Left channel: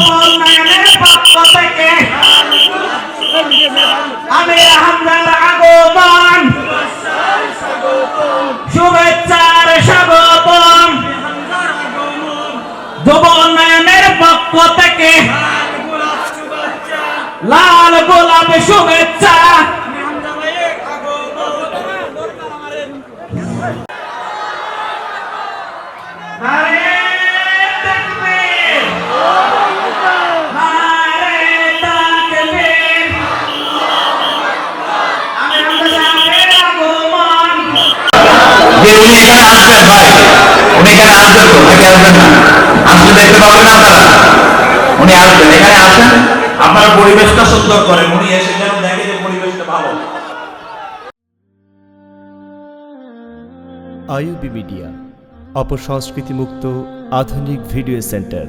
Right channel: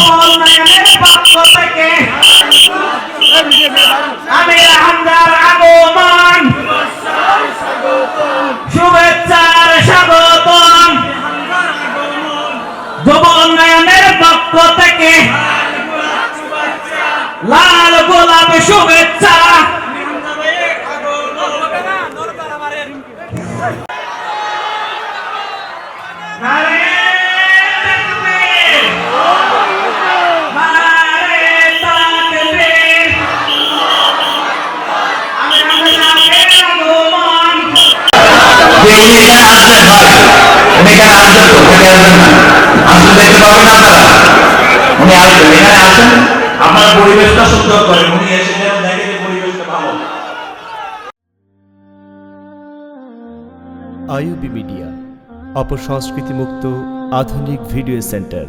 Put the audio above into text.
উন্নয়নের পক্ষ থেকে আমির হামজার আগমন শুভেচ্ছার স্বাগতম। যুব উন্নয়নের পক্ষ থেকে লাল গোলাপ শুভেচ্ছা। আপনার পরিবেশটা সুন্দর করেন, উনি এসে যেন দেখে যে পরিবেশটা ভালো। আইইউবি মিডিয়া, অপসংস্কৃতি মুক্ত আধুনিক ভিডিও সেন্টার।